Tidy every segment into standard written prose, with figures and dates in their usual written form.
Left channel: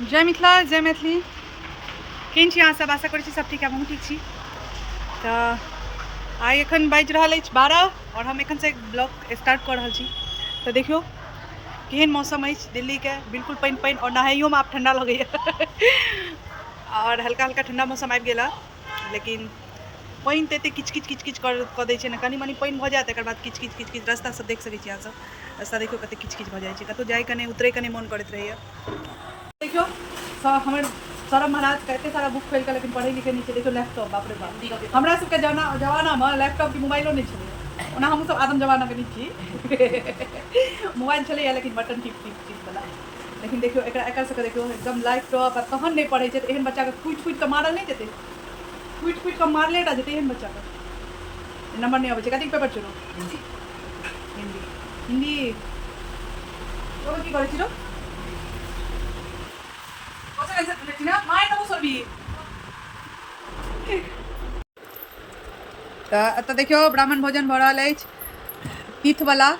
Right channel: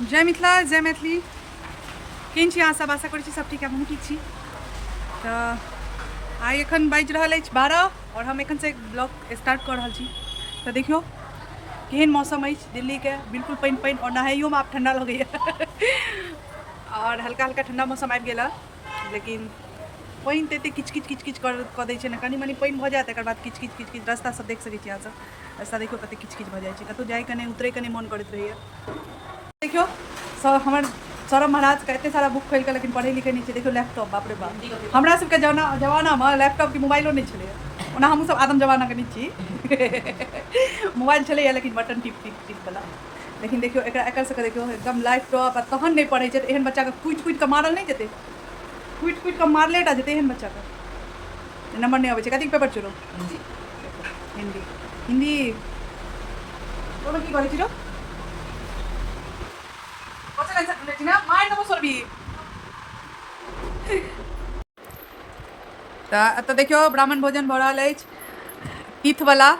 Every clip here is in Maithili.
जय मिथिला जय मैथिली। केहन छी अहाँ सब? आशा करै छी सब ठीक है। हमहूँ ठीक छी। तऽ आइ एखन बाजि रहल अछि 12 और हम एखन से ब्लॉग स्टार्ट कऽ रहल छी। तऽ देखियौ केहन मौसम अछि दिल्ली के, बिल्कुल पानि पानि और नहाइयोमे आब ठंडा लगैए और हल्का हल्का ठंडा मौसम आबि गेल, लेकिन पानि तऽ एतेक किच किच किच किच कऽ दै छै ने। कनि मनि पानि भऽ जायत, तकर बाद किच किच किच किच रास्ता सब देख सकै छी अहाँ सब। रास्ता देखियौ कतेक किच किच भऽ जाइ छै, कतहु जाइके नहि उतरैके नहि मोन करैत रहैए। देखियो सब हमर सौरभ महाराज का एते सारा बुक खोलि कऽ लेकिन पढ़ै लिखै नहि छै। देखियो लैपटॉप, बाप रे बाप। हमरा सबके जमानामे लैपटॉप कि मोबाइलो नहि छलै। ओना हमहूँ सब आदम जमानाके नहि छी मोबाइल छलैए लेकिन बटन टिप टिप टिप वाला। लेकिन देखियो एकर सबके देखियो एकदम लैपटॉप आ तहन नहि पढ़ै छै तऽ एहन बच्चाके कुटि कुटि कऽ मारल नहि जेतै। कुटि कुटि कऽ मारले टा जेतै एहन बच्चाके। नंबर नहीं आबै छै। कथी पेपर छै रो? हिंदी। हिंदी हिंदी तो की करै छी रो? तऽ एतऽ देखियौ ब्राह्मण भोजन भऽ रहल अछि तीथवला,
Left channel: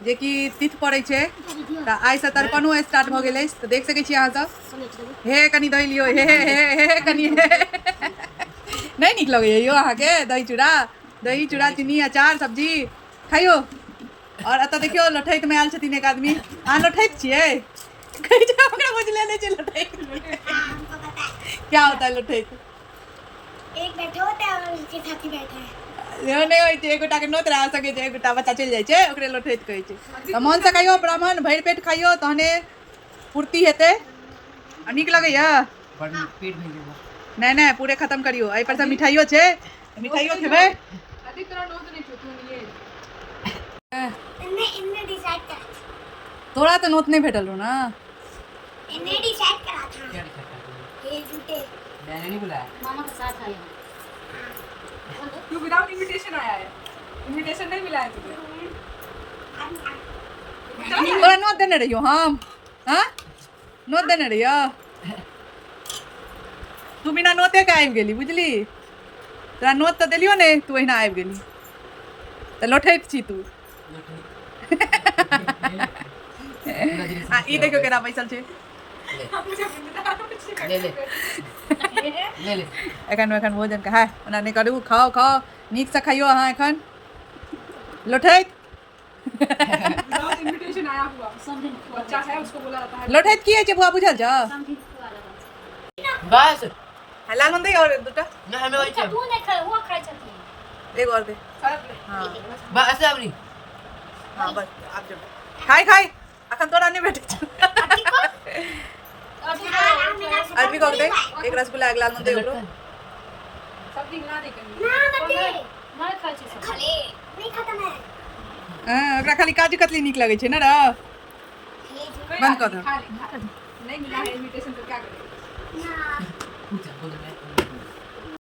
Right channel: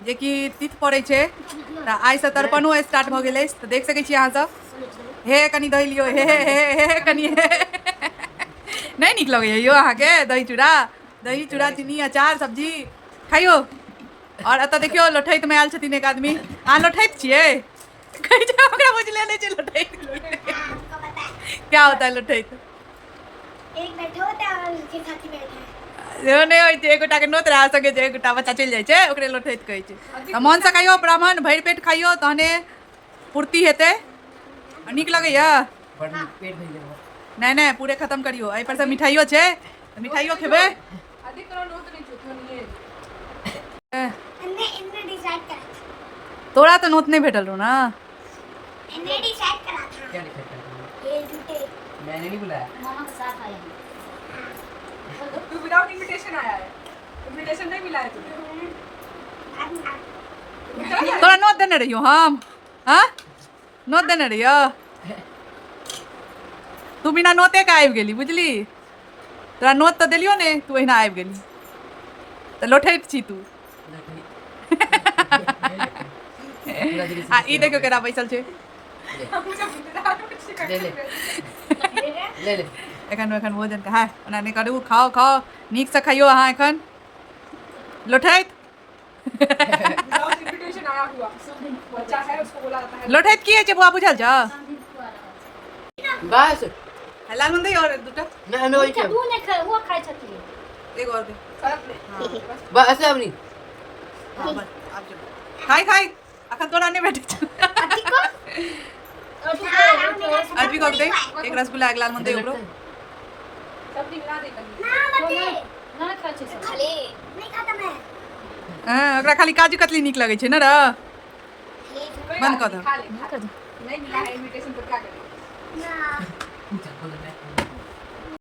जेकि तीथ पड़ै छै। तऽ आइसँ तर्पणो स्टार्ट भऽ गेल अछि। तऽ देख सकै छी अहाँ सब। हे कनि दही लियौ, हे हे हे हे कनि नहीं नीक लगैए यौ अहाँके दही चूड़ा? दही चूड़ा चीनी अचार सब्जी खाइयो। और एतऽ देखियौ लोठैतमे आयल छथिन एक आदमी। अहाँ लोठैत छियै? कहै छै हमरा बुझले नहीं छै लोठैत क्या होता है लोठैत? एक बैठा होता है और उसके साथी बैठा है। नहीं होइ छै। एक गोटाके नोत रहै सकै छै, एक गोटा बच्चा चलि जाइ छै, ओकरे लोठैत कहै छै। तऽ मोनसँ खाइयो ब्राह्मण, भरि पेट खाइयो, तहने पूर्ति हेतै। आ नीक लगैए? नहीं नहीं पूरे खत्म करियो। एहि पर से मिठाइयो छै तऽ मिठाइयो खेबै। इनने डिसाइड करा था। तोरा तो नोत नहीं भेटल रहो ना। इनने डिसाइड करा था। क्या डिसाइड करा था? ये झूठे। मैंने नहीं बुलाया। मामा के साथ आया है। तू विदाउट इनविटेशन आया है। इनविटेशन नहीं मिला है तुझे। तोरा नोत देने रहियो हम? हाँ नोत देने रहियो? तू बिना नोते के आबि गेली, बुझली? तोरा नोत तऽ देलियो ने, तू एहिना आबि गेली। तऽ लोठैत छी तू। आ ई देखियो केना बैसल छै। एखन भोजन का है, ओना नहीं करू। खाओ खाओ नीक से खाइयो अहाँ एखन। लोठैत लोठैत की होइ छै बुआ बुझल छौ? बस लाल मंदी और दूटा नहीं मैं वही तू नहीं खाए, वो खाए छथी। एक और दे। हाँ बस अबनी। हाँ बस आब जो खाई खाई अखन तोरा नहीं भेटै छौ। आदमी को दे एक रसगुल्ला, एक लाल मंदी ओकरो। सब निकला दे कनी ना मते ना खाए छै सब खाली नहीं खाता मैं। हां ओकरा खाली काजू कतली नीक लगै छै ना रे। बंद कर दे। नहीं मिला है इनविटेशन तो क्या करें?